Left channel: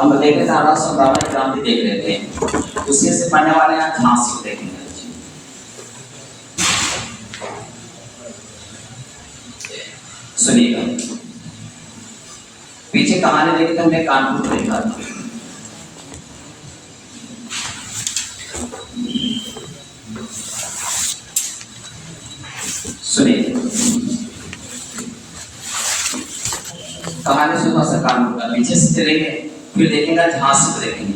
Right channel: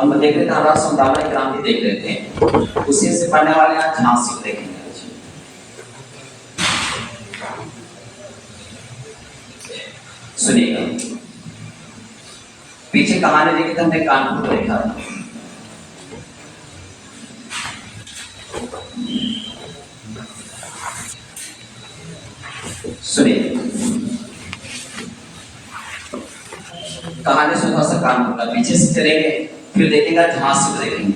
हम देख रहे थे 1857 की क्रांति देख रहे थे, उसी से पढ़ने वाले यहाँ झांसी को देखेंगे। सुनिएगा, पीछे कहानी देखी तो हमने कानपुर को देखा था। सुनिए कहानी सुनो सा कानपुर का, पीछे से चलेंगे फिर देखेंगे झांसी को देखेंगे।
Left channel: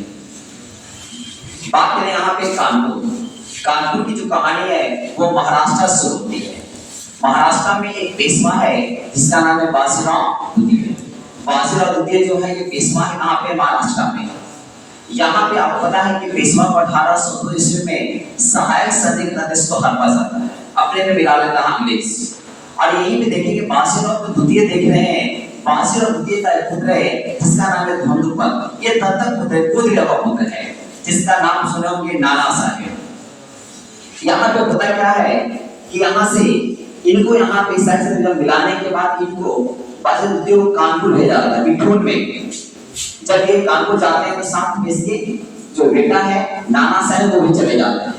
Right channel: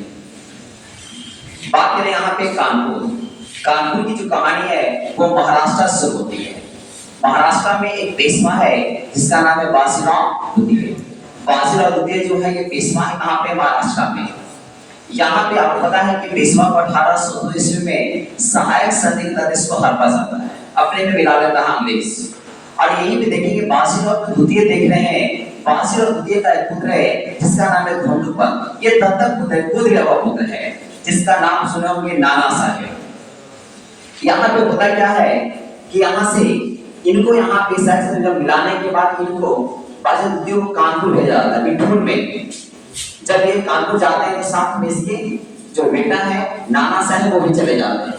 बात करें यहाँ पे कानपुर की जो कहानी है वो महाराष्ट्र से होती है। महाराष्ट्र में एक पेशवा है जिसका नाम है बाजीराव दुधिये। बाजीराव दुधिये जो है ये पेशवा है कहाँ पे, महाराष्ट्र में। यहाँ पे आपको पता है कि पेशवा को 1802 ईस्वी में सहायक सैनिक प्रदेश को हरपा जाता है, अपने में मिला लेता है अंग्रेज। और यहीं पे देखेंगे बाजीराव दुधिये देख रहे हैं। बाजीराव दुधिये का एक पुत्र है जिसका नाम है धोंडुपंत। ये दत्तक पुत्र है, गोद लिया हुआ पुत्र है, जिसका नाम सुने होंगे नाना साहेब। यहाँ पे पता क्या है कि यहाँ से इनको यहाँ पे जब मिलाने के बाद इनको बाजीराव दुधिये को कानपुर भेजा जाता है, बिठूर में। जब ये कानपुर जाते हैं तो साथ में इसके जो बेटा है नाना साहेब वो भी चले जाते हैं।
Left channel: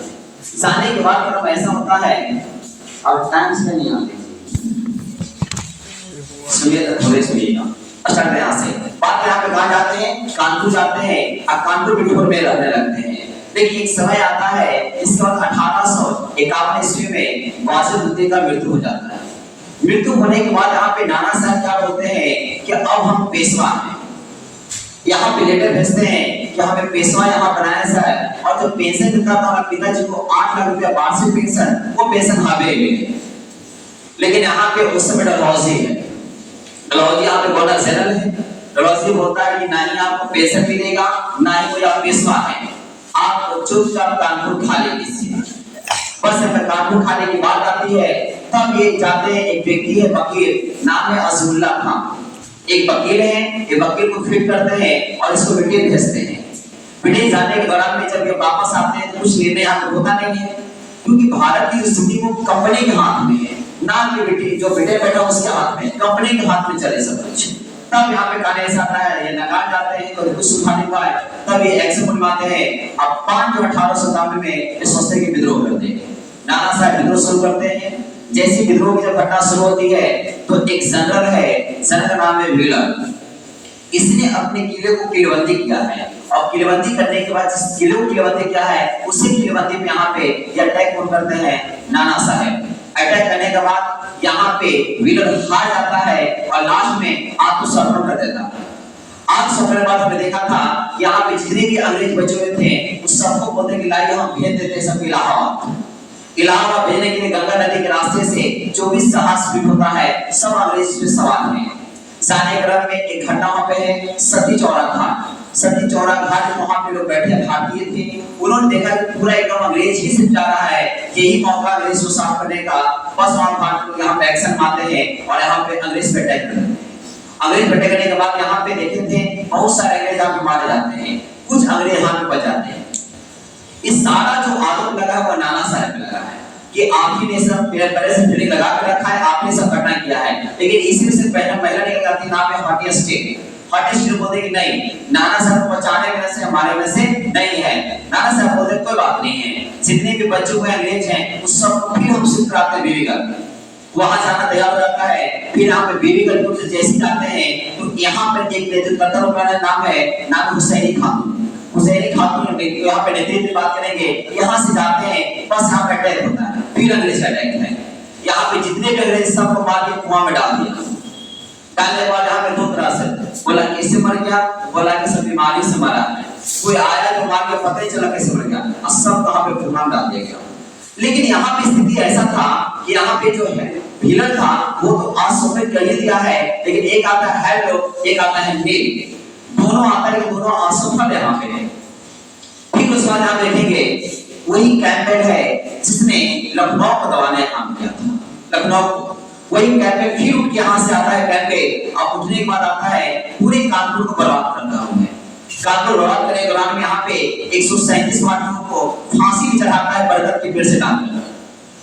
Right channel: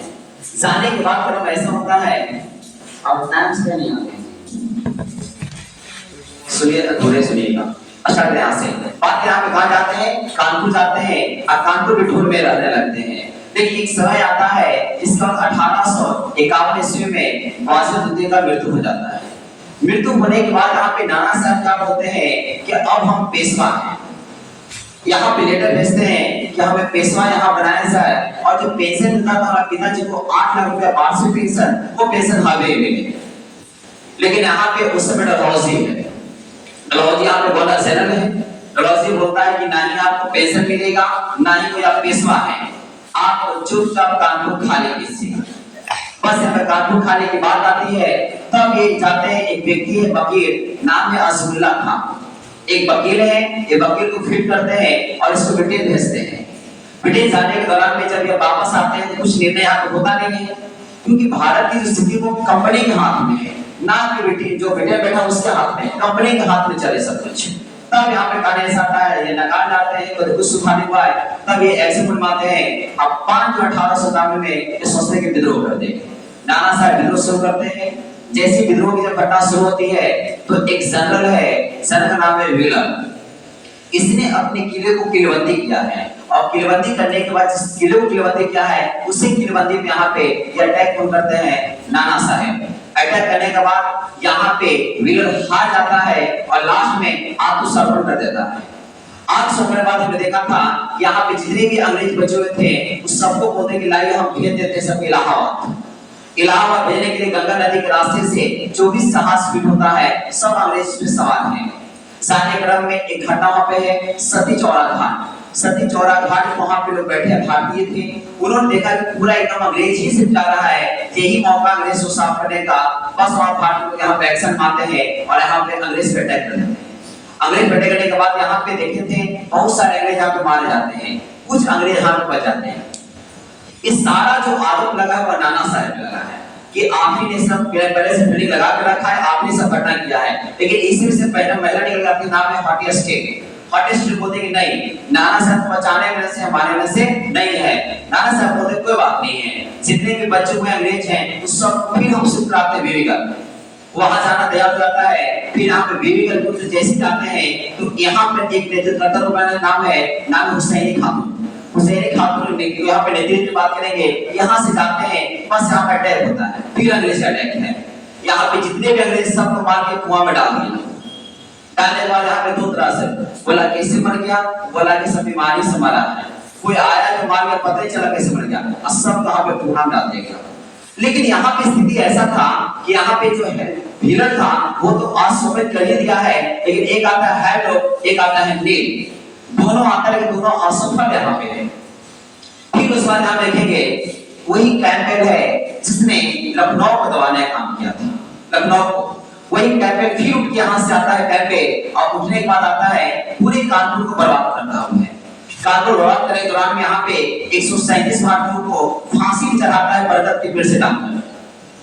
जाने के बाद क्रम ऐसा होता है, अब टाइम से नहीं आते, सुनिए थोड़े सुनिएगा। अच्छा यहाँ से बात यहाँ पे कहाँ जाते हैं, कानपुर जाते हैं और कानपुर बिठूर में रहने लगते हैं। लेकिन एक समय आता है जिसके बाद 1851 ईस्वी में बाजीराव दुधिये का मृत्यु हो जाता है। मृत्यु होने के बाद यहाँ पे नाना साहब क्या बोलते हैं कि अब हम पेशवा हैं। यहाँ पे लेटर भेजते हैं कि हमें पेशवा यहाँ बनाया जाए, और जो पेंशन मिलता था हमारे पिताजी को 8 लाख रुपया वार्षिक पेंशन, वो पेंशन हमें मिले। लेकिन यहाँ पे उस समय डलहौजी है, डलहौजी यहाँ पे बड़ा जनरल है। डलहौजी बोलता है कि ना ही आपको पेंशन मिलेगा ना ही कोई आप पेशवा है, आप चुपचाप कानपुर खा लेंगे। बस यहाँ कानपुर खाने की बात आती है तब ये जाते हैं, एक व्यक्ति है वकील, नाम है अजमुल्ला खान। एक वकील है, ये वकील को फिट करते हैं और इसको ब्रिटेन भेजते हैं। ब्रिटेन जाने के दौरान में जब ये वापस आते हैं तो कुछ निर्णय यहाँ पे होता नहीं है, क्योंकि भारत की जो स्थिति वो कंपनी के हाथ में है, ना कि ब्रिटेन जो ब्रिटेन बैठा उसके हाथ में, कंपनी के हाथ में चले सब कुछ। तब यहाँ पे कहानी ऐसा आता है, ये नकार जाते हैं और कुछ सुखा नहीं पाए, तब ये एक्शन बनवाते हैं। अब 5 1857 में ये सोचते के विद्रोह कर देंगे। नाना साहब विद्रोह शुरू करते हैं। जैसे विद्रोह की जब घटना शुरू होती है तो एक जनरल है, जनरल का नाम है व्हीलर। इसने अपने किले को किलेबंदी किया है, और किलेबंदी करने के बाद जिस किले को किलेबंदी किया है उसी किलेबंदी पे यहाँ पे ये अटैक करते हैं नाना साहब। अटैक करने के बाद यहाँ पे व्हीलर हार जाता है और लास्ट में आत्मसमर्पण कर देता है। आत्मसमर्पण के बाद हमने देखा था यहाँ पे जितने भी अंग्रेज बचे हुए थे उस सबको बोलते कि लाइए हम भेज देते सब इलाहाबाद। इलाहाबाद भेजने के लिए गंगा नदी के रास्ते से 24 जहाज फिट होता है, सब अंग्रेज पे सवार हैं। जाने क्रम में एक घटना वहां पे है सती चौरा घाट। सती चौरा घाट वहां पे लोग बैठे भारतीय थे, उन्होंने देखा कि पूरा एकदम अंग्रेज ही सिर्फ जा रहा है, यही मौका अंग्रेज को साफ करने का। बस वहां भारतीय लोग यहाँ पे एक्शन मारते हैं और यहाँ पे अंग्रेज पे अटैक करते हैं। अंग्रेज पे अटैक करने के बाद यहाँ पे देखे थे बहुत सारे अंग्रेज यहाँ पे मारे जाते हैं, कुछ अंग्रेज हाथ में बच जाते हैं। इस सारा जो आरोप लगा हुआ नाना साहब पे लगा है कि आप ही ने सब पहले से फील्डिंग लगा के रखा है, आपने सब घटना किया है। लेकिन इसी से पहले महिला निकल जाती, नाम है हॉटी स्टेट। हॉटी स्टेट बोलते कि नहीं, नाना साहब बचाने में से हमारे में से नहीं है। नाना साहब बोलते कोई बात नहीं है, जितने भी बचे हुए अंग्रेज हैं उस सब फिर हम शिफ्ट कराते बीवीगंज। वहां जाना तैयार हो जाता है। फिर यहाँ पे बीवीगंज जैसे जाते हैं तो यहाँ पे एक नेतृत्व नाम है हुसैनी खातून। हुसैनी खातून यहाँ पे नेतृत्व की बात करेंगे। यहाँ से जाते हैं, बस यहाँ पे अटैक होता है, फिर अंग्रेज का अटैक है। यहाँ पे जितने भी अंग्रेज सबको मार के कुआं में डाल दिया। डालने के बाद यहाँ पे 2 तरह से बोला कैसे मर गया, बोला कि सब बीमारी से मरा है, कोई आया जो मार गया पता ही चला कैसे मर गया, और सब कहाँ पे कुआं डाल दिया गया। लेकिन यहाँ पे स्थिति ऐसा था कि यहाँ पे जो है व्हीलर था वो तो असफल कर ही दिया है, लेकिन एक आता है हेड, एक आता है नील, दोनों आता है लेकिन दोनों असफल यहाँ पे है। फिर उसके बाद यहाँ देखेंगे वही कैंपेन है जिसने लखनऊ को दबाने का काम किया था। लखनऊ को वही कैंपेन फिर उठ के यहाँ से आता है कैंपेन, और उठने के बाद आता है पूरे कानपुर को बर्बाद करता हूँ। कानपुर बर्बाद करने के दौरान में यहाँ पे 137 भारतीयों को फांसी भी चढ़ाता है बरगद के पेड़ से डालकर।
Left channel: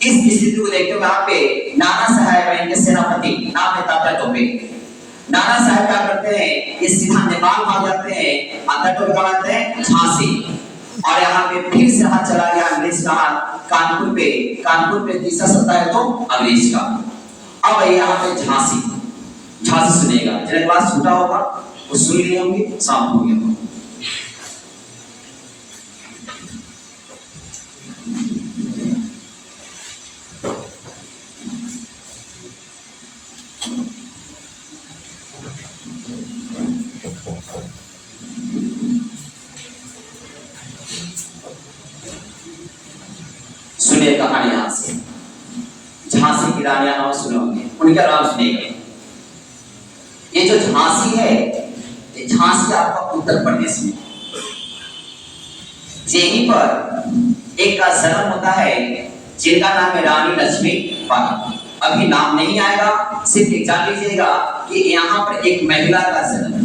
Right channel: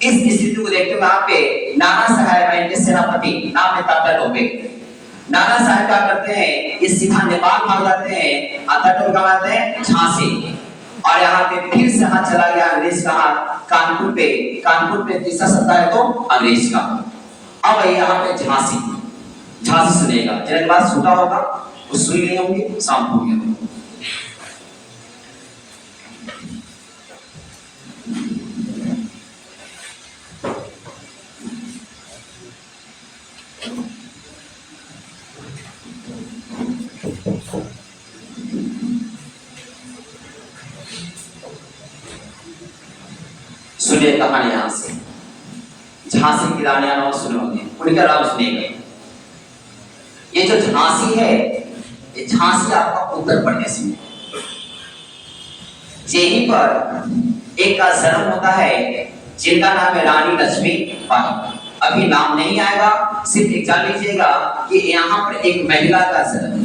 इस स्थिति को देखते हुए यहाँ पे नाना साहब इनके सेनापति नाम है तात्या टोपे। नाना साहब क्या करते हैं, ये सीधा नेपाल नेपाल भाग जाते हैं, अंदर टोपी कहाँ आते हैं? झांसी। और यहाँ पे फिर से हाथ चला गया अंग्रेज का हाथ कानपुर पे तीसरा सत्ता है तो अंग्रेज का। अब यहाँ पे झांसी सुनेगा, जिनके पास छूटा होगा वो सुन लिए होंगे, शाम हो गया। सुनिए कहानी यहां से, झांसी की रानियां नाम सुने होंगे, उनका नाम सुनिएगा। ये जो झांसी है, ये झांसी आपका उत्तर प्रदेश में, यहीं पर एक का जन्म होता है जिनका नाम है रानी लक्ष्मीबाई। अभी नाम नहीं आएगा, सिर्फ एक जान लीजिएगा कि यहाँ पर एक महिला का जन्म है,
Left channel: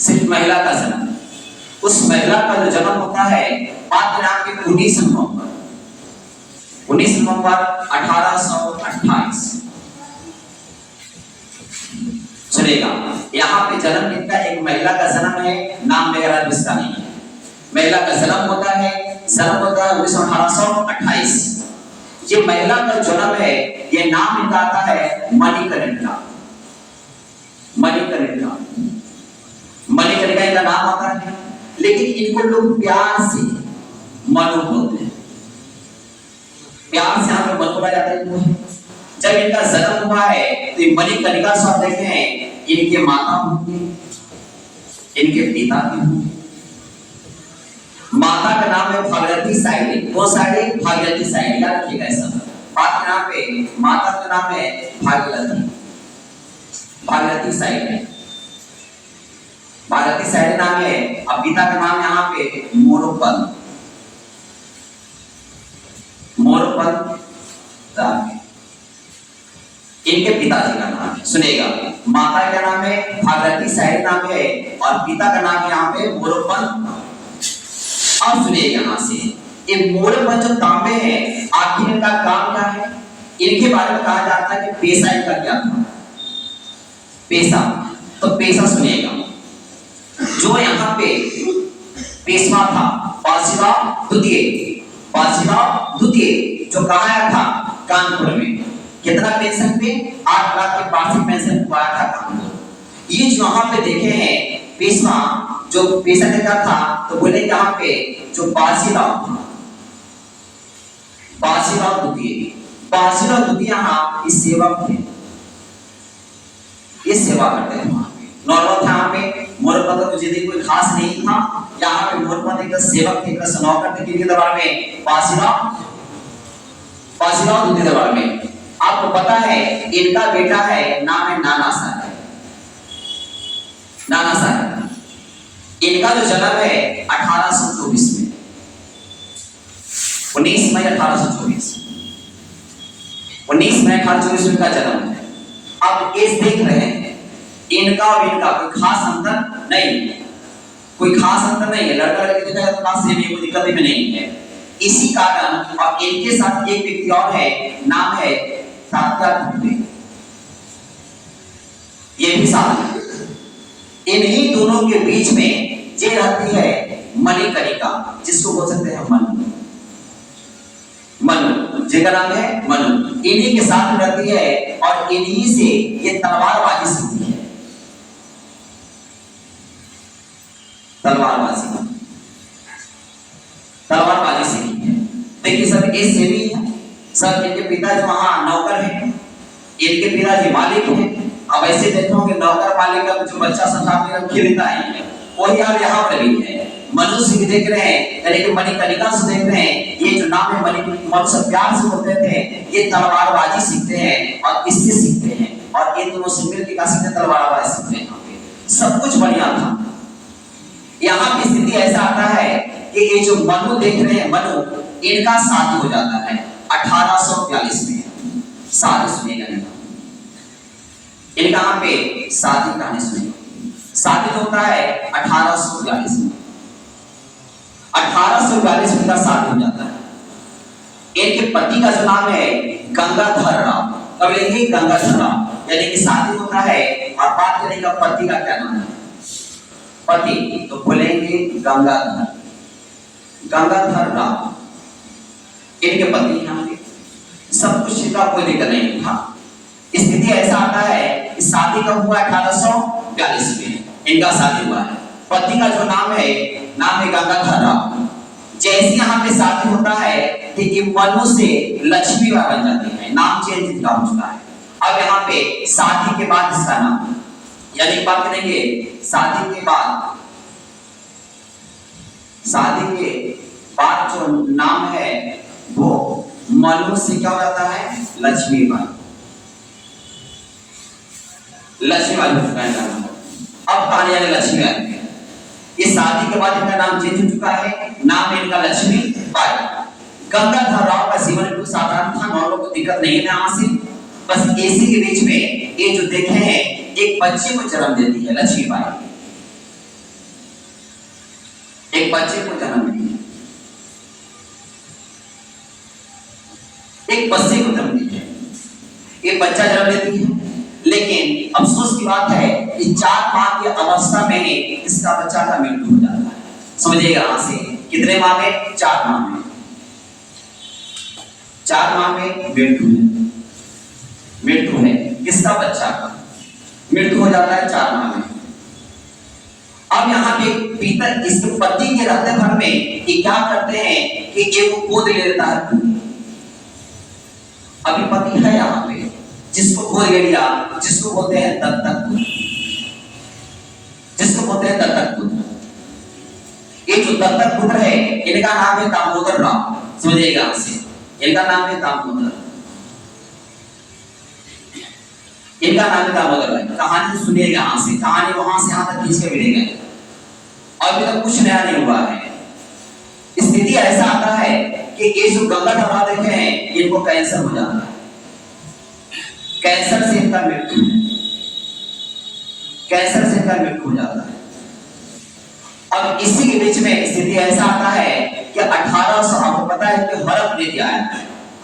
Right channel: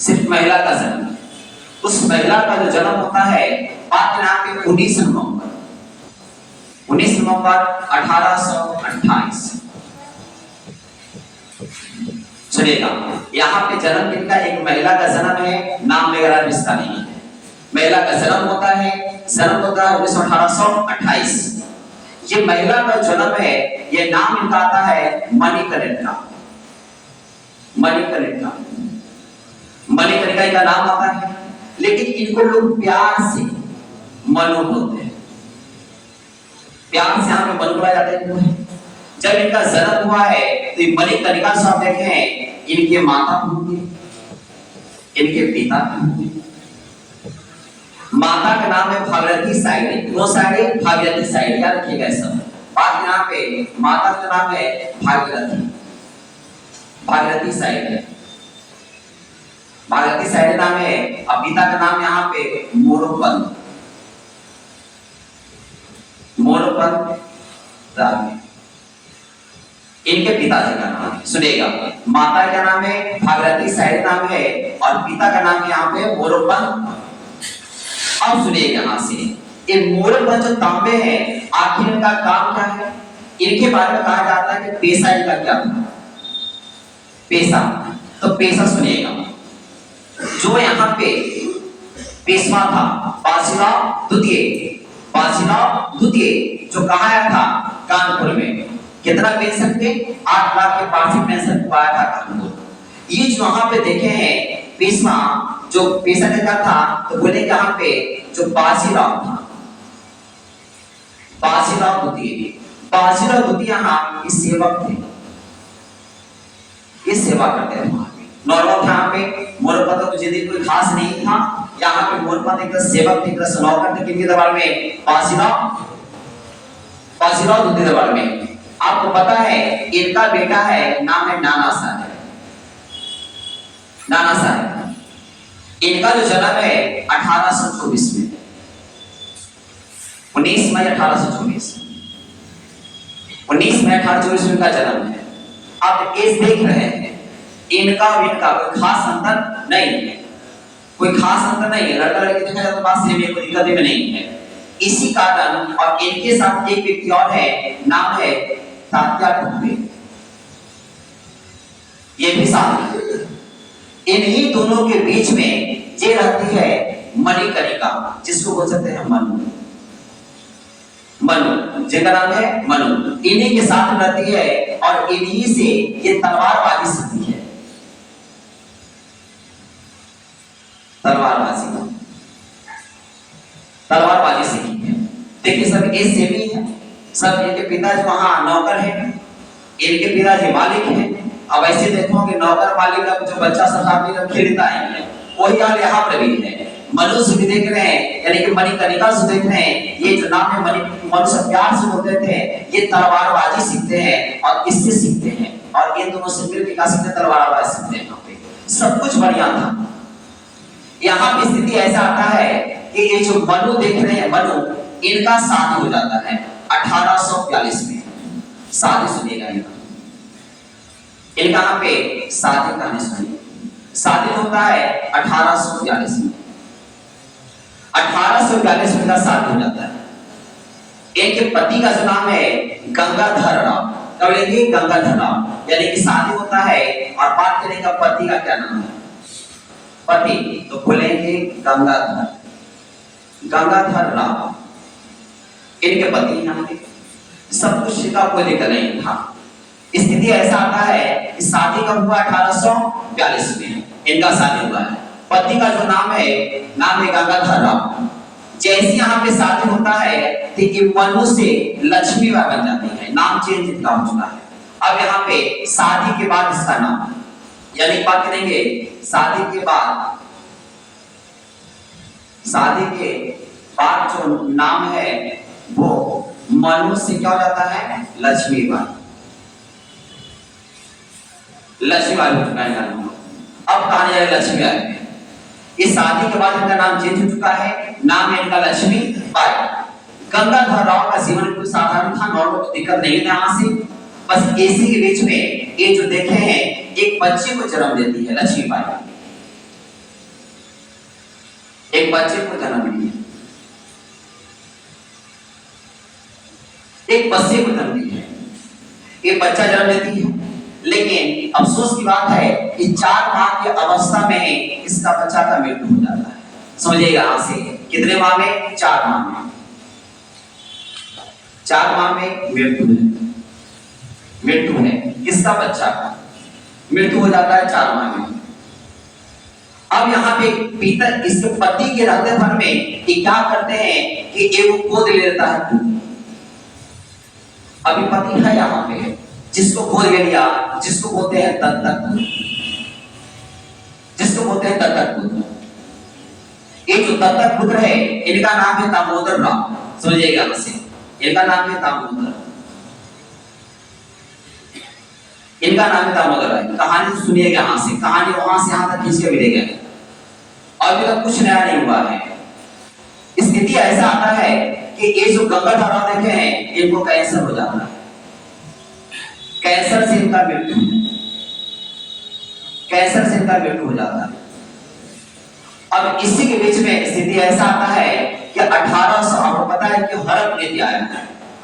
सिर्फ महिला का जन्म। उस महिला का जो जन्म होता है बात नाम के 19 नवंबर 1828। सुनिएगा, यहाँ पे जन्म किनका? एक महिला का जन्म है, नाम वगैरह इसका नहीं है। महिला का जन्म होता है 1828। ये महिला का जन्म है, ये नाम इनका आता है मणिकर्णिका। मणिकर्णिका इनका नाम आता है, लेकिन इनको लोग प्यार से मनु बोलते हैं। प्यार से यहाँ पे मनु बोला जाता है। जब इनका जन्म हुआ है तो मणिकर्णिका शब्द देखे हैं, इनके माता होंगे, इनके पिता भी होंगे। माता का नाम है भागीरथी साइडे। दो साइडे भागीरथी साइडे, याद रखिएगा ऐसा। बात के नाम पे माता का नाम है भागीरथी साइडे, भागीरथी साइडे नाम है। अब पिता का नाम यहाँ पे मोरोपंत। इनके पिताजी का नाम है, सुनेगा, माता का नाम है भागीरथी साइडे नाम है, और पिता का नाम यहाँ पे मोरोपंत। अब सुनिए यहाँ से, ये मोरोपंत जो तांबे हैं, आखिर इनका काम क्या है? इनके बारे में कहा जाता है कि पेशा इनका क्या था? पेशा, तो पेशा सुनिएगा। जो यहाँ पे पेशवा था बाजीराव द्वितीय, जो कहा आया था कानपुर में। कितना पेंशन पे? 8 लाख के वार्षिक पेंशन पाया था कानपुर। ये जो यहाँ पे देखे हैं पेशवा, जो पेशा लेता था, तो बोले यहाँ पे जो बाजीराव था, बाजीराव द्वितीय यहाँ इस सेवक थे, ये सेवा करते थे वहां पे। नॉर्मल था यहाँ पे मोरपंत को यदि कोई खास नहीं था, यहाँ पे मोरपंत एक सेवक थे, नौकर थे किनके दरबार में? बाजीराव द्वितीय दरबार में। आपको पता है इनका बेटा है, नाम है नाना साहब। इनका जो जन्म है 1824 में, 19 मई 1824 में इनका जन्म है। अब एज देख रहे हैं, इनका और इनका कोई खास अंतर नहीं है, लड़का लड़की देखा जाए तो बात सेम है, कोई दिक्कत भी नहीं है। इसी कारण, और इनके साथ एक व्यक्ति और है, नाम है तात्या टोपे, ये भी साथ। इन्हीं दोनों के बीच में जे रहती है मणिकर्णिका, जिसको बोल सकते हैं मनु, जिनका नाम है मनु। इन्हीं के साथ रहती है और इन्हीं से ये तलवारबाजी सीखती है। तलवारबाजी सीखी है। देखिए सब एज से भी है, सब इनके पिताजी वहां नौकर हैं, इनके पिताजी मालिक हैं। अब ऐसे देखोगे नौकर मालिक का जो बच्चा सब खेलता है, वही हाल यहाँ पर भी है। मनुष्य भी देख रहे हैं, यानी कि मणिकर्णिका से देख रहे हैं। ये जो नाम है मनुष्य प्यार से बोलते थे, ये तलवारबाजी सीखते हैं और इससे सीखते हैं, और इन दोनों से मिलकर क्या सीखते हैं? तलवारबाजी सीखते हैं। यहाँ पे सब कुछ बढ़िया था। यहाँ की स्थिति ऐसा आता है कि ये जो मनु देख रहे हैं, इनका शादी हो जाता है 1842 में। शादी सुनिएगा, इनका यहाँ पे शादी कहानी सुनिए। शादी होता है 1842 में। 1842 में शादी हो जाता है। इनके पति का जो नाम है गंगाधर राव। कब लेंगे? गंगाधर राव। यानी कि शादी होता है। और बात करेंगे पति का क्या नाम है? पति तो बोलेंगे गंगाधर, गंगाधर राव इनके पति यहाँ पे सब कुछ सीधा, कोई दिक्कत नहीं था। स्थिति ऐसा आता है कि शादी कब हुआ? 1842 में इनका शादी हुआ है। पति का जो नाम है गंगाधर राव। जैसे यहाँ पे शादी होता है तो ये मनु से लक्ष्मीबाई बन जाती है, नाम चेंज इनका होता है। अब यहाँ पे शादी के बाद इसका नाम, यानी बात करेंगे शादी के बाद जो नाम है वो मनु से क्या हो जाता है? लक्ष्मीबाई, लक्ष्मीबाई का नाम। अब कहानी है लक्ष्मीबाई। इस शादी के बाद इनका नाम चेंज हो चुका है, नाम है इनका लक्ष्मीबाई। गंगाधर राव का जीवन बिल्कुल साधारण था, नॉर्मल, कोई दिक्कत नहीं है यहाँ से। बस इसी के बीच में ये जो देखे हैं एक बच्चे को जन्म देती है लक्ष्मीबाई, एक बच्चे को जन्म दी है, एक बच्चे को जन्म दी है, एक बच्चा जन्म देती है। लेकिन अफसोस की बात है कि 4 माह की अवस्था में इसका बच्चा का मृत्यु हो जाता है। समझिएगा यहां से, कितने माह में? 4 माह में। 4 माह में मृत्यु है किसका? बच्चा का मृत्यु हो जाता है 4 माह में। अब यहाँ पे पिता इसके पति के रहते भर में ये क्या करते हैं कि एक गोद ले लेता है। अभी पति है यहाँ पे, जिसको गोद ले लिया, जिसको बोलते हैं दत्तक पुत्र, जिसको बोलते हैं दत्तक पुत्र। ये जो दत्तक पुत्र है इनका नाम है दामोदर राव। समझिएगा हमसे, इनका नाम है दामोदर, इनका नाम है दामोदर राव। कहानी सुनिएगा यहां से, कहानी वहां से यहां तक खींच के मिलेगा। अभी तक कुछ नया नहीं हुआ है। स्थिति ऐसा आता है कि ये जो गंगाधर राव देखे हैं इनको कैंसर हो जाता है, कैंसर से इनका मृत्यु, कैंसर से इनका मृत्यु हो जाता है। अब इसी के बीच में स्थिति ऐसा आता है कि 1800, आपको पता है कि हड़प नीति आया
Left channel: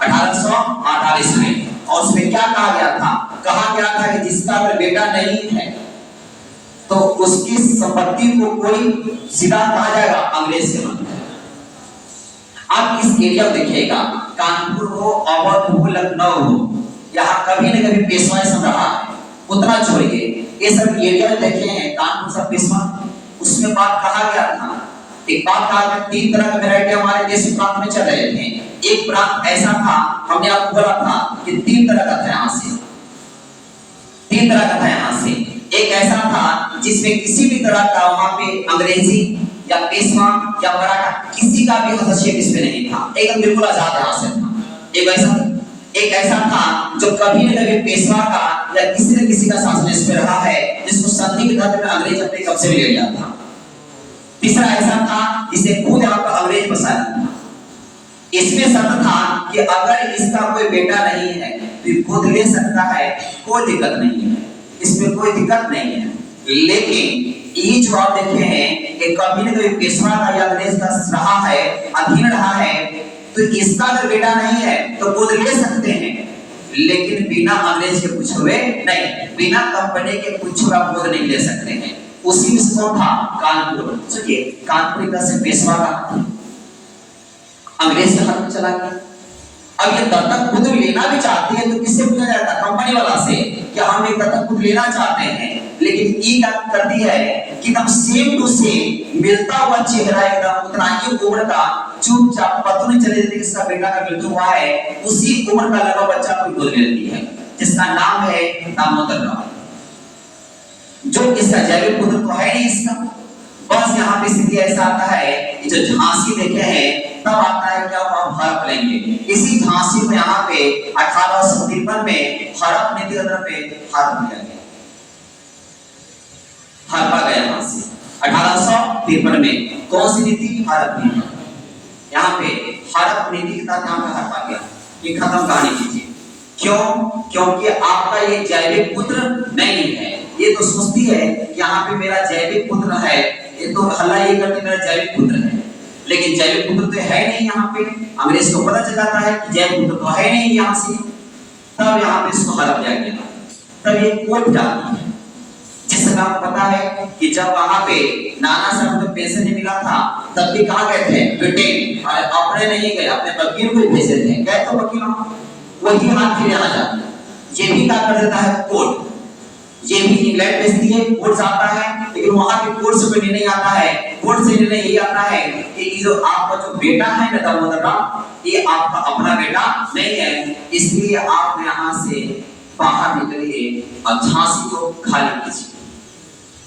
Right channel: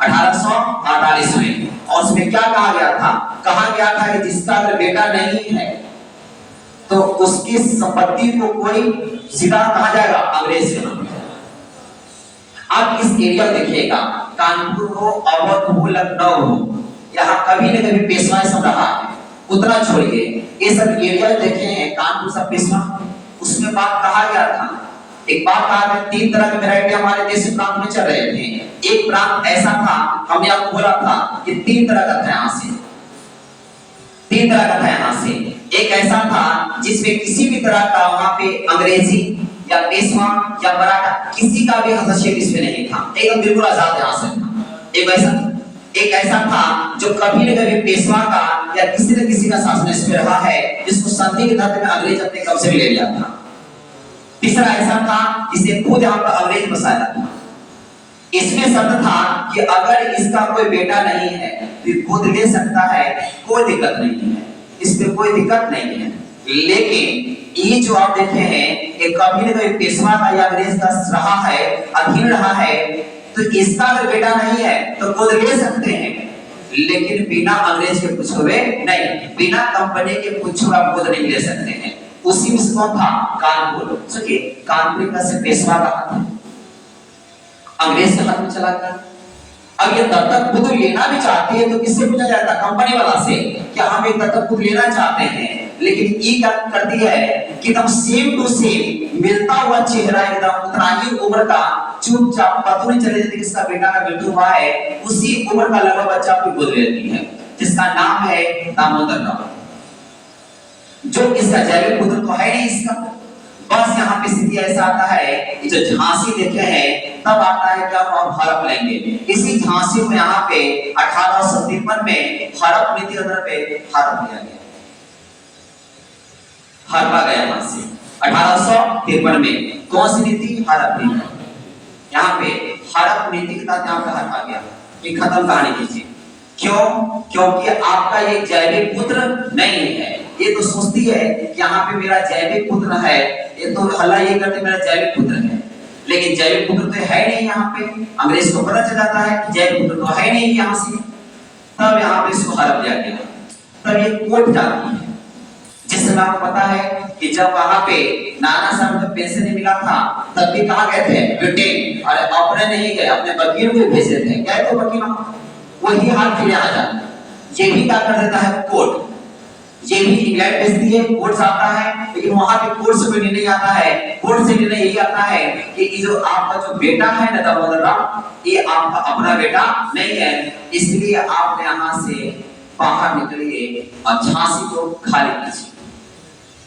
1848 में, और उसमें क्या कहा गया था? कहा गया था कि जिसका अगर बेटा नहीं है तो उसकी संपत्ति को कोई सीधा कहा जाएगा अंग्रेज के नाम। आप इस एरिया देखिएगा, कानपुर हो, अवध हो, लखनऊ हो, यहाँ कभी न कभी पेशवाइज्म रहा है। उतना छोड़िए, ये सब एरिया देखे हैं कानपुर सब पेशवा, उसमें बात कहा गया था। एक बात कहा गया, 3 तरह के वैरायटी हमारे देश प्रांत में चल रहे थे। एक प्रांत ऐसा था, हमने आपको बोला था कि 3 तरह का था यहाँ से, 3 तरह का था यहाँ से। एक ऐसा था जिसमें किसी भी तरह का वहां पे अंग्रेजी या पेशवा या मराठा किसी का भी हस्तक्षेप इसमें नहीं था, एकदम बिल्कुल आजाद यहाँ से था। एक ऐसा था जो कभी न कभी पेशवा का या किसी न किसी का शासन इस पे रहा है, जिसको संधि के तहत में अंग्रेज अपने कब्जे में ले लिया था। तीसरा ऐसा था जिसे खुद यहाँ पर अंग्रेज बसाया था। इसमें शर्त था कि अगर इसका कोई बेटा नहीं है तो खुद ले सकता है, कोई दिक्कत नहीं है, इसमें कोई दिक्कत नहीं है। लेकिन ये जो आप देखे हैं ये कभी न कभी पेशवा का या अंग्रेज का रहा है, अधीन रहा है, तो इसका अगर बेटा नहीं है तो गोद ले सकते हैं, लेकिन बिना अंग्रेज के पूछे हुए नहीं, बिना कंपनी के पूछे हुए आप गोद नहीं ले सकते हैं। उसी में से कौन था? कानपुर। सोचिए, कानपुर का से पेशवा का हाथ अंग्रेज के हाथ में चला गया। अब ये दत्तक पुत्र लेना भी चाहते हैं तो किससे पूछा जाता? कंपनी वाला से, कि हम एक दत्तक पुत्र लेना चाहते हैं। लेकिन ये क्या करती है कि एकदम सेम टू सेम मिलता हुआ चेहरा, एकदम उतना ही उम्र का, चुपचाप पता नहीं चले जाती किसका बेटा का मृत्यु हुआ है, उसी उम्र का लगा बच्चा को गोद ले लेती है, जिसका नाम है दामोदर राव। जो इसका जैविक पुत्र तो है नहीं इसका। बस यहाँ पे स्थिति ऐसा आता है, ये जो झांसी देखे हैं तब आता है क्या हम हड़प लेंगे। इसी झांसी को यहाँ पे 1853 में हड़प नीति के अंदर पे हड़प लिया गया, हड़पा गया यहाँ से 1853 में। कौन सी नीति? हड़प नीति। यहाँ पे हड़प नीति के तहत यहाँ पे हड़पा गया। ये खत्म कहानी कीजिए। क्यों? क्योंकि आपका ये जैविक पुत्र नहीं है। ये तो सोचती है कि यहाँ पे मेरा जैविक पुत्र है, ये तो हल्ला ये करते मेरा जैविक पुत्र है, लेकिन जैविक पुत्र तो है नहीं यहाँ पे। अंग्रेज को पता चल जाता है कि जैविक पुत्र तो है नहीं यहाँ से, तब यहाँ पे इसको हड़प लिया गया। तब ये कोर्ट जाती है। जिस समय आपको पता है कि जब वहां पे नाना साहब को पेंशन नहीं मिला था तब भी कहाँ गए थे? ब्रिटेन। और अपने नहीं गए, अपने वकील को भेजे थे। गए तो वकील वही हाल फिर यहाँ जाता है। ये भी क्या कर देता है? कोर्ट। ये भी इंग्लैंड भेजती है, कोर्ट आता है, लेकिन वहां पे कोर्ट से कोई निर्णय आता है। कोर्ट से निर्णय यही आता है कि ये जो आपका जो बेटा है ना दामोदर, ये आपका अपना बेटा नहीं है, इसलिए आप यहाँ से बाहर निकलिए और झांसी को खाली कीजिए।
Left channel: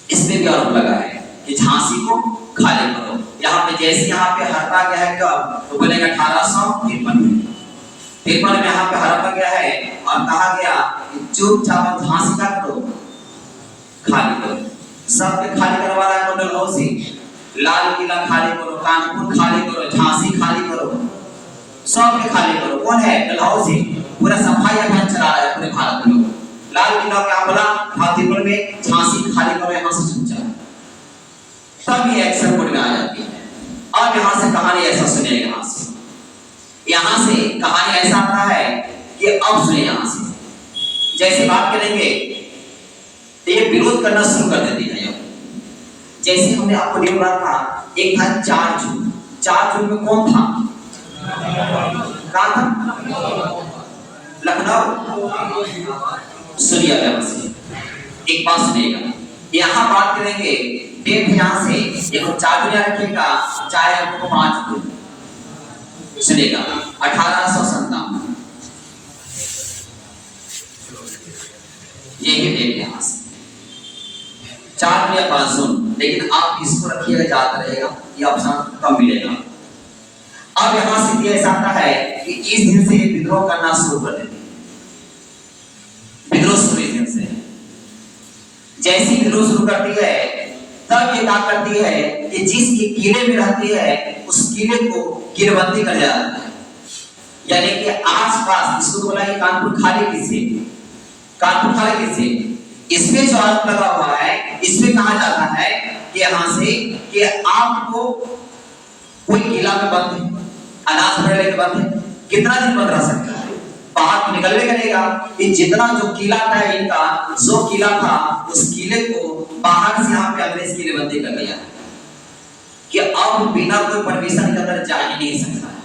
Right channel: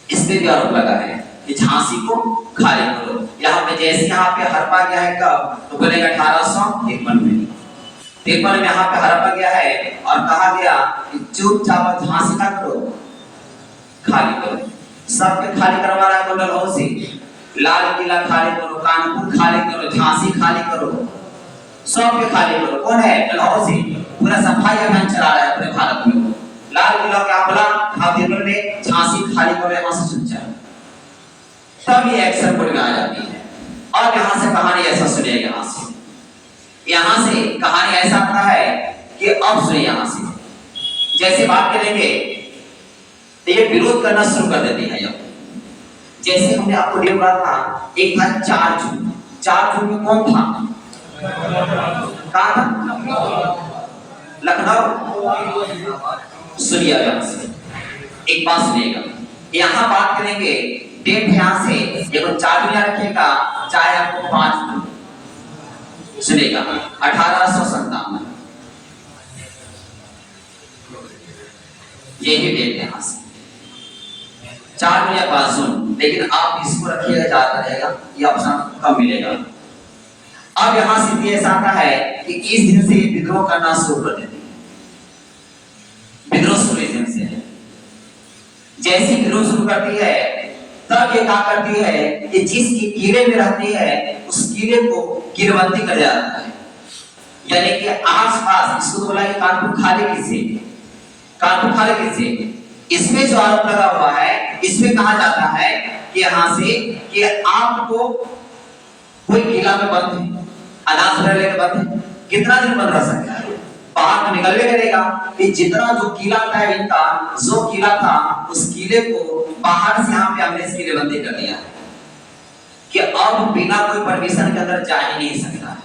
इस पे भी आरोप लगा है कि झांसी को खाली करो। यहाँ पे जैसे यहाँ पे हड़पा गया है कब? तो बोलेगा 1853 में। 53 में यहाँ पे हड़पा गया है और कहा गया कि चुपचाप झांसी का करो, खाली करो। सबके खाली करवा रहा है कौन? डलहौजी। लाल किला खाली करो, कानपुर खाली करो, झांसी खाली करो, सबके खाली करो। कौन है? डलहौजी। पूरा सफाई अभियान चला रहा है पूरे भारत में। लाल किला क्या बोला? 53 में झांसी खाली करो यहाँ से चुपचाप। तब ये एक्शन कोर्ट में आ जाती है। और यहाँ से कहानी ऐसा सुनिए, यहाँ से कहानी ऐसा आता है कि अब सुनिए यहाँ से। जैसे बात करेंगे तो ये विरोध करना शुरू कर देती है। जैसे हमने आपको डे बोला था, एक था 4 जून। 4 जून में कौन था? कहाँ था? लखनऊ। सुनिए यहाँ से एक बात सुनिएगा। यहाँ बात करेंगे डेट यहाँ से, देखो 4 जून यहाँ रखिएगा, चाहे आपको 5 जून सुनिएगा। 1857 यही डेट यहाँ से 4 जून या 5 जून, लेकिन आप इसको रखिएगा, ज्यादा रहेगा, ये ऑप्शन कम मिलेगा। अब यहाँ से ऐसा आता है कि इस दिन से विद्रोह करना शुरू कर देती है। विद्रोह शुरू इस दिन से। जैसी विद्रोह शुरू करती है तब ये क्या करती है कि जिस किले में रहती है उस किले को किलेबंदी कर जाता है। यानी कि आसपास, इसको बोला कि कानपुर खाली किसे? कानपुर खाली किसे? इसमें जो आरोप लगा हुआ है, इसमें कहा जाता है कि यहाँ से कि आपको कोई किला में बंद है, अनाज लेके बंद है, कितना दिन बंद रह सकता है? बाहर तो निकलवे करेगा। कि जितना जो किला था इनका, जो किला था उस किले को बाहर से यहाँ पे अंग्रेज किलेबंदी कर दिया कि अब बिना कोई परमिशन के अंदर जा ही नहीं सकता है।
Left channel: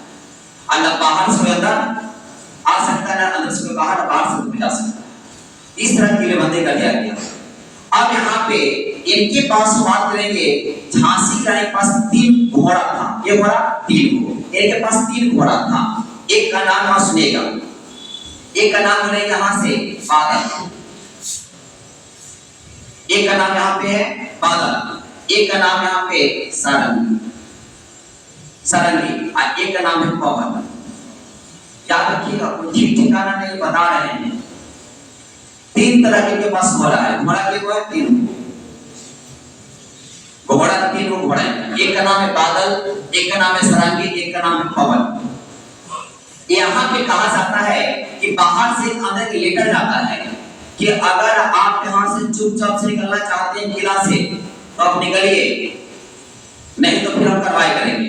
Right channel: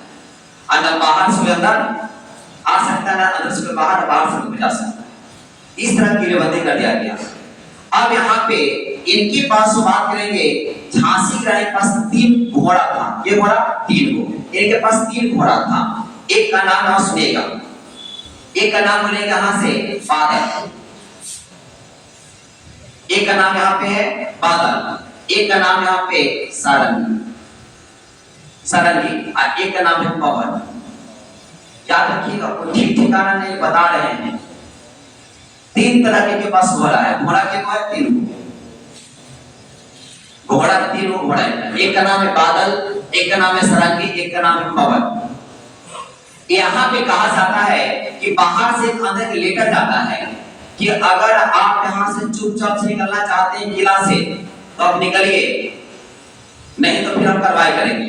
अंदर बाहर से अंदर आ सकता है, अंदर से बाहर, बाहर से जा सकता है। इस तरह किलेबंदी कर दिया गया। अब यहाँ पे इनके पास बात करेंगे, झांसी रानी के पास 3 घोड़ा था। ये घोड़ा 3 को, इनके पास 3 घोड़ा था। एक का नाम आप सुनिएगा, एक का नाम बोलेंगे यहाँ से बादल, एक का नाम यहाँ पे है बादल, एक का नाम यहाँ पे सारंगी, सारंगी, और एक का नाम है पवन। याद रखिएगा, कोई ठीक ठिकाना नहीं बता रहे हैं। 3 तरह के पास घोड़ा है। घोड़ा के को है 3 घोड़ा, 3 घोड़ा है। एक का नाम है बादल, एक का नाम है सारंगी, एक का नाम है पवन। यहाँ पे कहा जाता है कि बाहर से अंदर के लेटर जाता है कि अगर आप यहाँ से चुपचाप से निकलना चाहते हैं किला से तो आप निकलिए, नहीं तो फिर हम कार्रवाई करेंगे।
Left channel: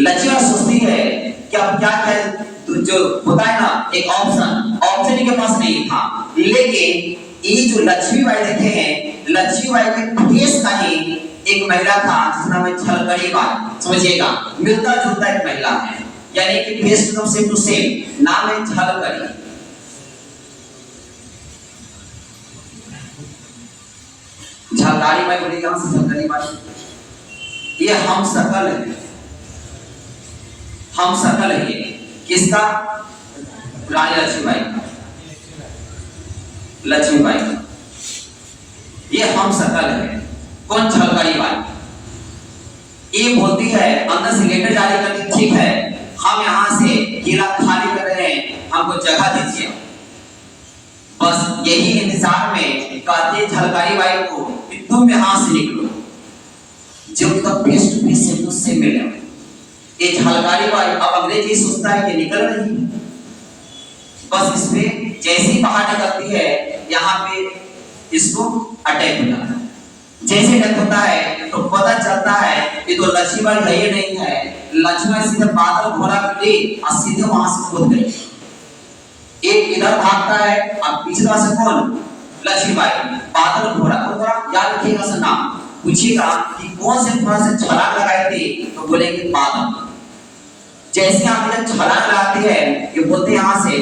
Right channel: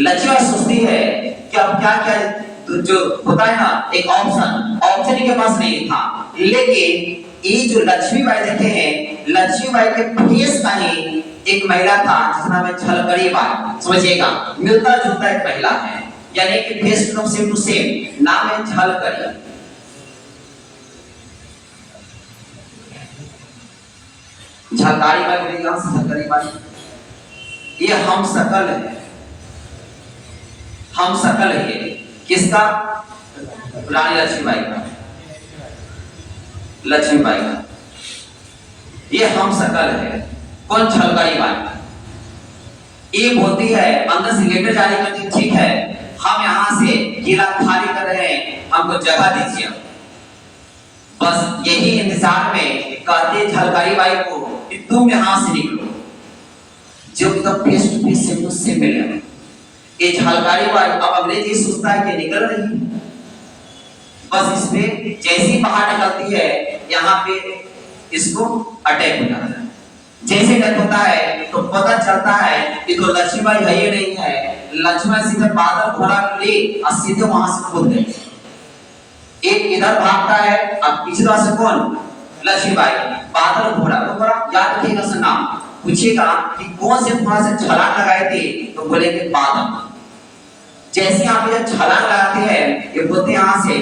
लक्ष्मी सोचती है कि अब क्या क्या जो होता है ना, एक ऑप्शन इनके पास नहीं था। लेकिन ये जो लक्ष्मीबाई देखे हैं, लक्ष्मीबाई के फेस का ही एक महिला था जिसका नाम है झलकड़ी बाई। समझिएगा, मिलता जुलता एक महिला है, यानी कि फेस सेम टू सेम, नाम है झलकड़ी। झलकारी बाई बोलेगी, यहाँ से झलकड़ी बाई। ये हम सकल है, हम सकल है। ये किसका? रानी लक्ष्मीबाई का, लक्ष्मीबाई का। ये हम सकल है। कौन? झलकड़ी बाई। ये बोलती है, अंदर से लेटर जारी करती, ठीक है हम यहाँ से किला खाली कर रहे हैं, हमको जगह दीजिए। बस यही इंतजार में कहते झलकारी बाई को कि तुम यहाँ से निकलो, जब तक फेस टू फेस से मुझसे मिले। ये झलकारी बाई अब अंग्रेजी सोचता है कि निकल रही, बस इसमें जैसी बाहर निकलती है यहाँ पे इसको अटैक हो जाता है। जैसे अटैक होता है तो पता चलता है कि तो लक्ष्मीबाई है ये नहीं है। लक्ष्मीबाई सीधे बादल घोड़ा ले और सीधे वहां से कूद गई। एक इधर भागता है, अब पीछे से कौन? लक्ष्मीबाई। बादल घोड़ा, तो घोड़ा याद रखिएगा सर नाम। पूछिएगा कि कौन से घोड़ा से छलांग लगाए थे, तो बोलेंगे बादल। जैसे आप जब छलांग लगाते हैं, ये बोलते यहाँ से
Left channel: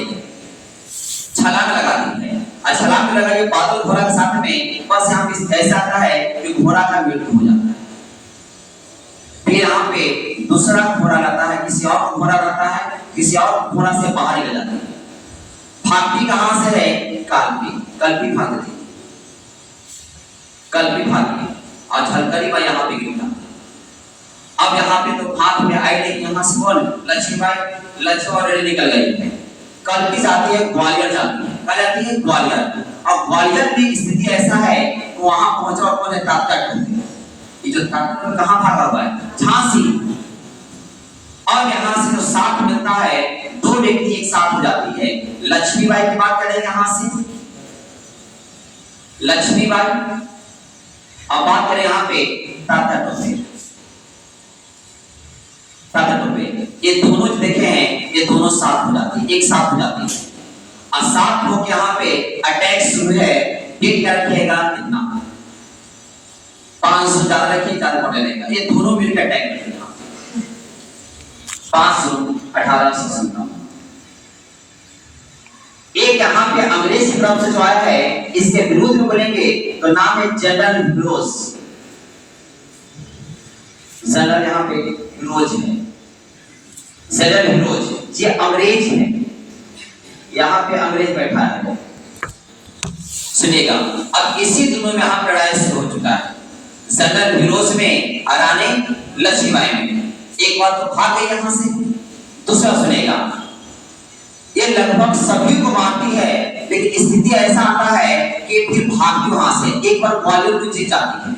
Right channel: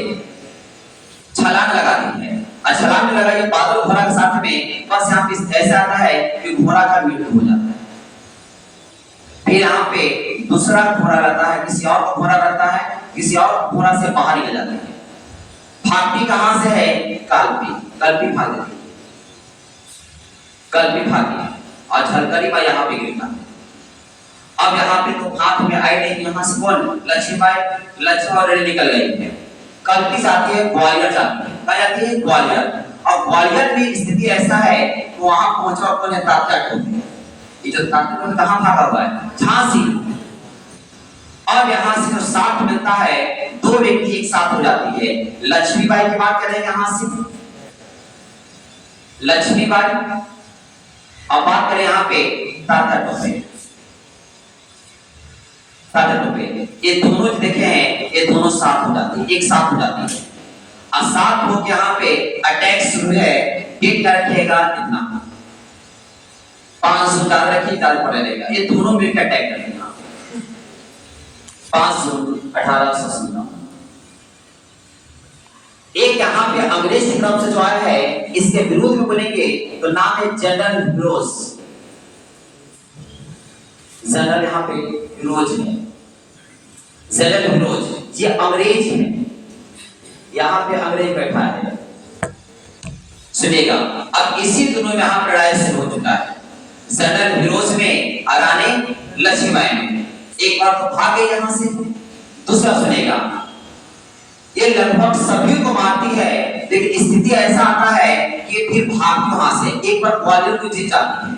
छलांग लगा दी है, और छलांग लगाइए बादल घोड़ा के साथ में, बस यहाँ पे ऐसा आता है कि घोड़ा का मृत्यु हो जाता है। फिर यहाँ पे दूसरा घोड़ा रहता है, किसी और घोड़ा रहता है, किसी और घोड़ा से बाहर निकल जाती है। भागती कहां से है? कल्पी। कल्पी भागती, कल्पी भागी और झलकरी बाई यहाँ पे गिरता है। अब यहाँ पे तो हाथ में आई नहीं, यहाँ से कौन? लक्ष्मीबाई। लक्ष्मी ऑलरेडी निकल गई है। कल्पी जाती है ग्वालियर जाती है, कहाँ जाती है? ग्वालियर। और ग्वालियर में स्थिति ऐसा है कि वहां पहुंचा कौन है? तात्या टोपे। ये जो तात्या टोपे कहाँ भागा हुआ है? झांसी। और यहाँ से जो साथ मिलता है, दो व्यक्ति एक साथ हो जाती है। लक्ष्मीबाई की बात करेंगे यहाँ से, लक्ष्मीबाई। अब बात करें यहाँ पे तात्या टोपे। तात्या टोपे, ये दोनों जो देखे हैं, ये दोनों साथ हो जाती है, एक साथ हो जाती है। और साथ हो के यहाँ पे अटैक शुरू है। ये क्या रखिएगा? इतना 500 ज्यादा रखिए, ज्यादा पड़े रहेगा। ये दोनों मिलकर अटैक करेंगे 5 जून 1857। एक यहाँ पे अंग्रेज की तरफ से जो आया है, इसके विरोध में बोलेंगे तो नाम है जनरल हिरोज। जनरल यहाँ पे हिरोज है, जनरल हिरोज। ये अंग्रेज है, यहाँ पे अंग्रेज बैठा है। सुनिएगा, अब इसी दिनों में यहाँ पे लड़ाई शुरू हो चुका है। जनरल हिरोज में अराने लक्ष्मीबाई में। एक बार तो भागे यहाँ से, दूसरा सुनेगा, ये लगभग सभी को मारती है, लेकिन स्थिति ऐसा आता है कि फिर भागती वहां से। एक बार ग्वालियर को जीत जाती है।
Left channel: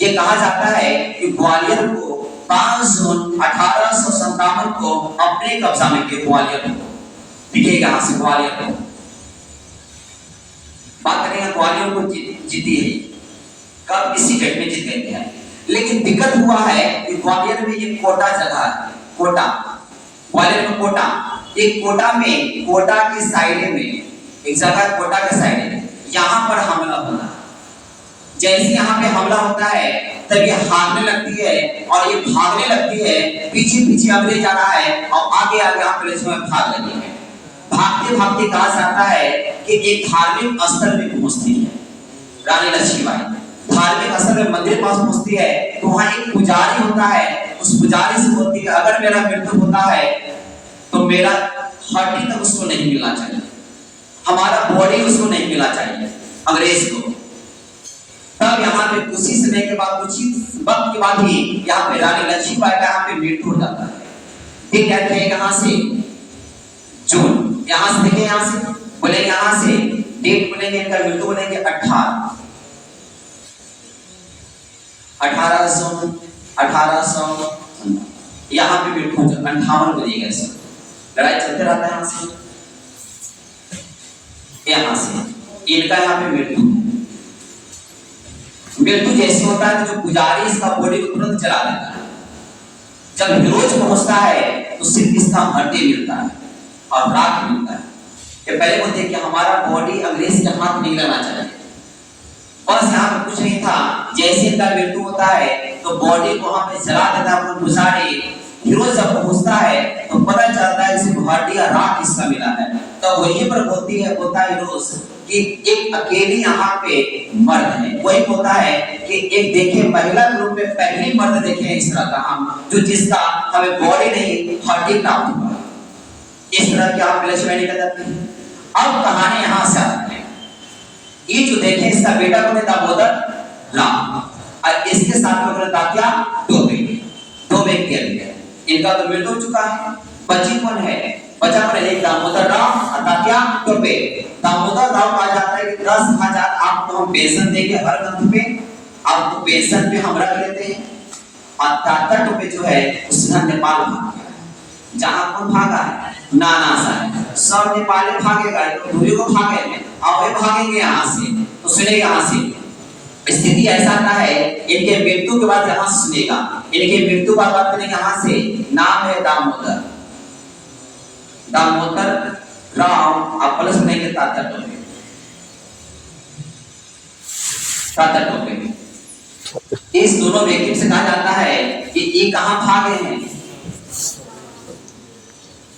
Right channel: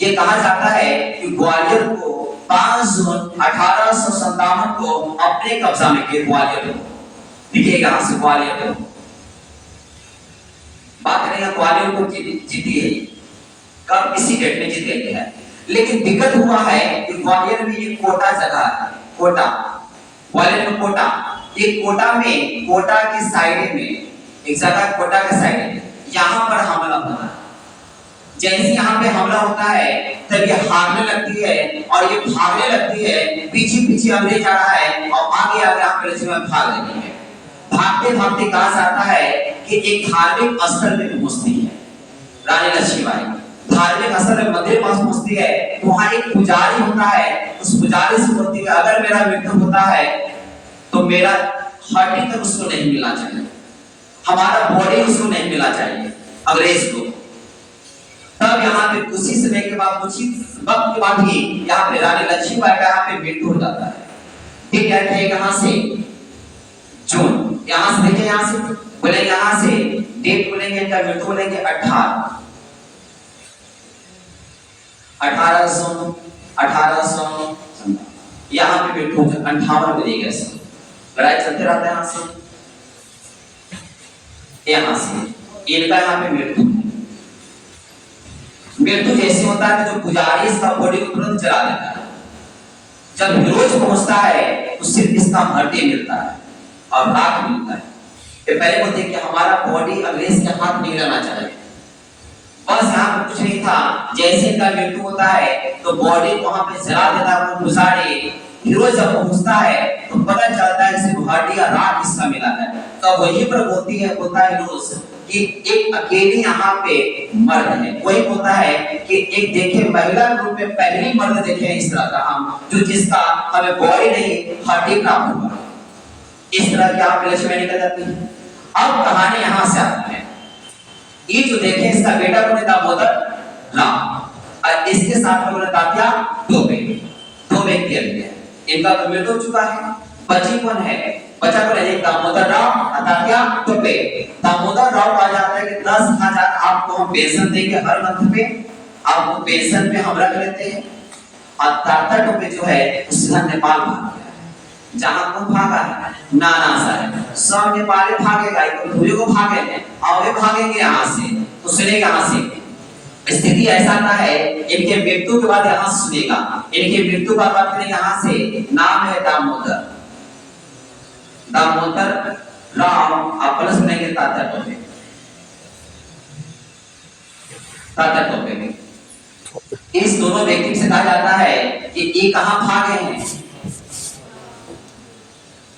ये कहा जाता है कि ग्वालियर को 5 जून 1857 को अपने कब्जा में किया। ग्वालियर को दिखेगा यहाँ से, ग्वालियर को बात करेंगे। ग्वालियर को जीती है, कब? इसी डेट में जीत गई है। लेकिन दिक्कत हुआ है कि ग्वालियर में एक कोटा जगह है, कोटा। ग्वालियर में कोटा, एक कोटा में, कोटा की साइड में एक जगह, कोटा के साइड में यहाँ पर हमला होता है। जैसे यहाँ पे हमला होता है, तब ये भागने लगती है, और ये भागने लगती है, पीछे पीछे अंग्रेज आ रहा है, और आगे आगे यहाँ पे लक्ष्मीबाई भाग रही है। भागते भागते कहा जाता है कि एक धार्मिक स्थल में पहुंचती है रानी लक्ष्मीबाई। धार्मिक स्थल में मंदिर पास पहुंचती है, तो वहां एक पुजारी होता है। उस पुजारी से बोलती है, अगर मेरा मृत्यु होता है तो मेरा हड्डी तक उसको नहीं मिलना चाहिए, हमारा बॉडी उसको नहीं मिलना चाहिए, अंग्रेज को। तब यहाँ पे कुछ ही समय के बाद, कुछ ही वक्त के बाद ही यहाँ पे रानी लक्ष्मीबाई का यहाँ पे मृत्यु हो जाता है। ठीक है, यहाँ से जून, यहाँ से देखिए, यहाँ से बोलेंगे, यहाँ से डेट बोलेंगे, इनका मृत्यु बोलेंगे 18 जून 1800। यहाँ पे मृत्यु 58 बजेगा। लड़ाई चलते रहता है यहाँ से, यहाँ से इनका यहाँ पे मृत्यु है। मृत्यु जैसे होता है कि जो पुजारी इसका बॉडी को तुरंत जला देता है। जब हिरोज पहुंचता है तो सिर्फ इसका हड्डी मिलता है और राख मिलता है। ये पहले बोलते कि हमारा बॉडी अंग्रेज के हाथ नहीं लगना चाहिए। बस यहाँ पे कुछ नहीं था, जैसे इनका मृत्यु होता है तो बॉडी को वहां पे जला देता है वो पुजारी। हिरोज जब पहुंचता है तो पता चलता है कि सिर्फ हड्डी या राख इसका मिला है। तो वहीं पर बोलता है हिरोज कि एक अकेली यहाँ पे मर्द है। वही होता है कि एक देखे महिला रूप में पहली मर्द देखे इस तरह का हम, जो जिसका हमें बॉडी नहीं हड्डी प्राप्त हुआ। इस तरह की आप लक्ष्मी निकल जाती है। अब कहानी यहाँ से आती है। ये जो देखे, इसका बेटा कौन है? दामोदर राव, और इसके साथ में तात्या टोपे। दो व्यक्ति अभी है, इनका तो मृत्यु हो चुका है। बची कौन है? बचा कौन है? एक दामोदर राव और तात्या टोपे। दामोदर राव कहा जाता है कि 10,000 आपको हम पेंशन देंगे हर मंथ पे, आपको पेंशन पे हम रख लेते हैं। और तात्या टोपे जो है उसका नेपाल भाग गया। जहां कौन भागा है? नाना साहब। सब नेपाली भागेगा, तो दूसरे को भागेंगे और वे भागेंगे यहाँ से। तो सुनेगा यहाँ से स्थिति ऐसा आता है। इनके मृत्यु के बाद यहाँ से सुनेगा, इनके मृत्यु का बात करेंगे यहाँ से। नाम है दामोदर। दामोदर राम आप प्लस बनाएंगे ताता टोपे, ताता टोपे में इस दोनों व्यक्ति से कहा जाता है कि ये कहां भागे हैं,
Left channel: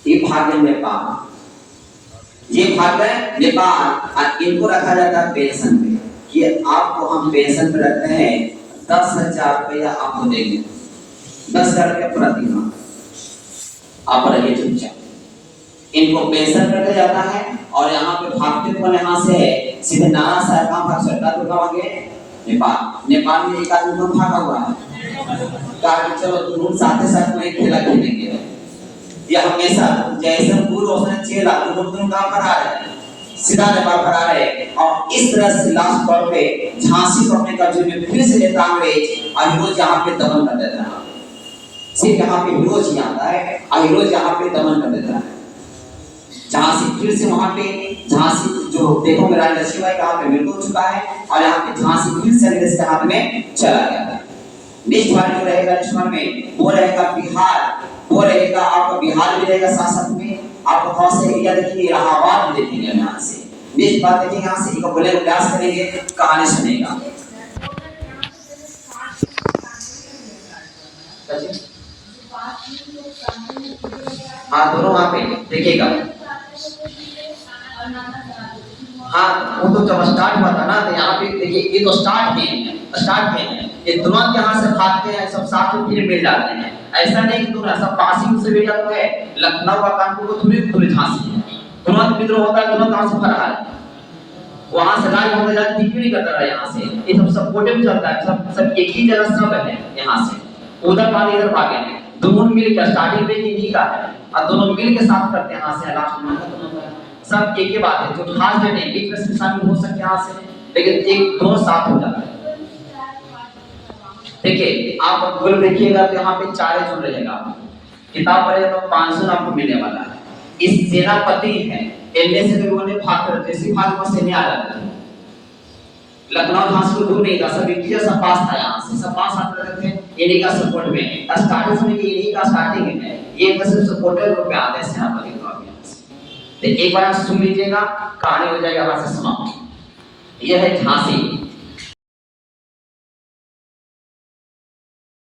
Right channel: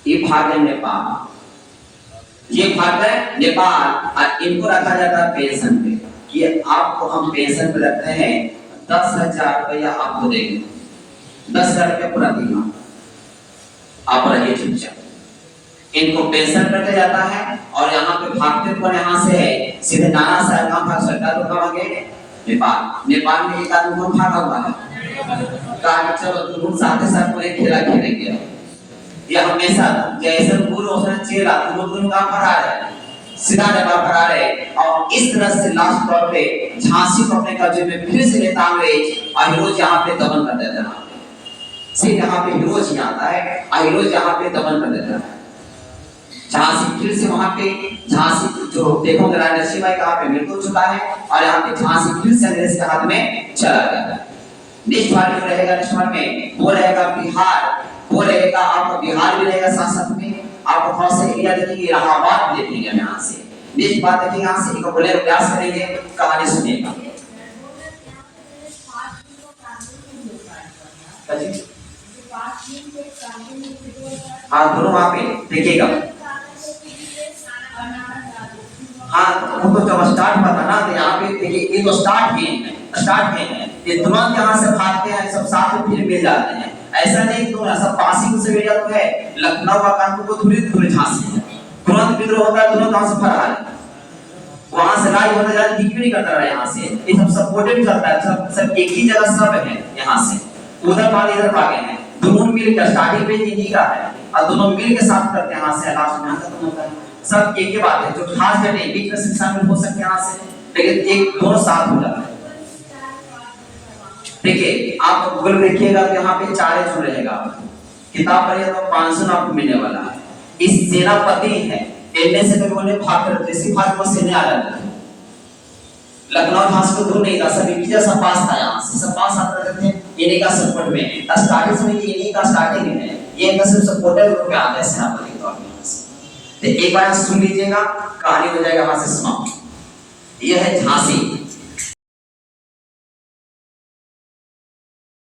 ये भागे नेपाल, ये भाग गए नेपाल और इनको रखा जाता है पेंशन पे कि आपको हम पेंशन पे रखते हैं 10,000 रुपया आपको देंगे, 10,000 रुपया प्रति माह आप रहिए चुपचाप। इनको पेंशन कर दिया जाता है और यहाँ पे भागते कौन यहाँ से सीधे नाना साहब कहाँ भाग सकता है, तो कहाँ भागे नेपाल। नेपाल में एक आदमी कौन भागा हुआ है, कहा चलो तुम साथ साथ में खेला खेलेंगे, ये हमेशा जैसे दूर उसने चेला तुम कहाँ फरार है, सीधा नेपाल फरार है। और इस तरह से लास्ट तौर पे झांसी को अपने कब्जे में फिर से लेता अंग्रेज और हीरोज यहाँ पे दमन कर देता है। सिर्फ यहाँ पे हीरोज ही आता है और हीरोज यहाँ पे दमन कर देता है। झांसी फिर से वहां पे झांसी जो देखोगे राजा लक्ष्मीबाई का हाथ में मिल चुका है और यहाँ पे झांसी फिर से अंग्रेज के हाथ में चला गया है। नेक्स्ट वार जो रहेगा नेक्स्ट वार में वो रहेगा बिहार, वो रहेगा आपका बिहार भी रहेगा साथ साथ में आपको थोड़ा सा एरिया देखेंगे, इलाहाबाद देखेंगे यहाँ से। नेक्स्ट बात देखेंगे यहाँ से एक बोले प्रयास करेंगे, कहानी सुनेगा। हाँ दोनों वहाँ पे देखिएगा। हाँ वो तो जब स्टार्ट हुआ था ना तो यहाँ पे देखिए ये तो स्टार्ट है, ये तुरंत यहाँ से भागते हैं सब साथ में फिर मिल जाते हैं। ऐसा नहीं कि दोनों सब पासी से मिल जाते हैं, लखनऊ का कानपुर को थोड़ी झांसी तुरंत विद्रोह होता है, तुरंत यहाँ से फरार वहां से राज होता जाता दिख भी नहीं करता है। यहाँ से ये सब सपोर्टेड चलता है, सब एक ही जगह सब है। यहाँ से उधर भागे इधर भागे हैं, दोनों मिल कर स्टार्टिंग पे इन्हीं का है और दोनों मिल के साथ करते हैं। यहाँ से लास्ट में खत्म होता है सब एक ही बात है। जो खास घटने बीच में से शामिल हो सकते हैं यहाँ से, लेकिन एक दोनों साथ हो जाता है। देखिए आप गूगल देखिएगा तो यहाँ पे 4 जो रहेगा, किताब पढ़ेगा तो 500 आपको मिलने वाला है। इस सेनापति है इनमें से लोगों ने भाग कर जैसे भाग में सेने आ जाते थे। लखनऊ झांसी को दूर नहीं था, सब एक जैसा पास था, यहाँ से सब पास आते रहते थे इन्हीं का सपोर्ट में। स्टार्टिंग में इन्हीं का स्टार्टिंग है, ये एक सिर्फ सपोर्टर ग्रुप में आ गए सेनापति तो एक बार सुन लीजिएगा, कहानी हो जाएगा यहाँ से समाप्त। यह है झांसी।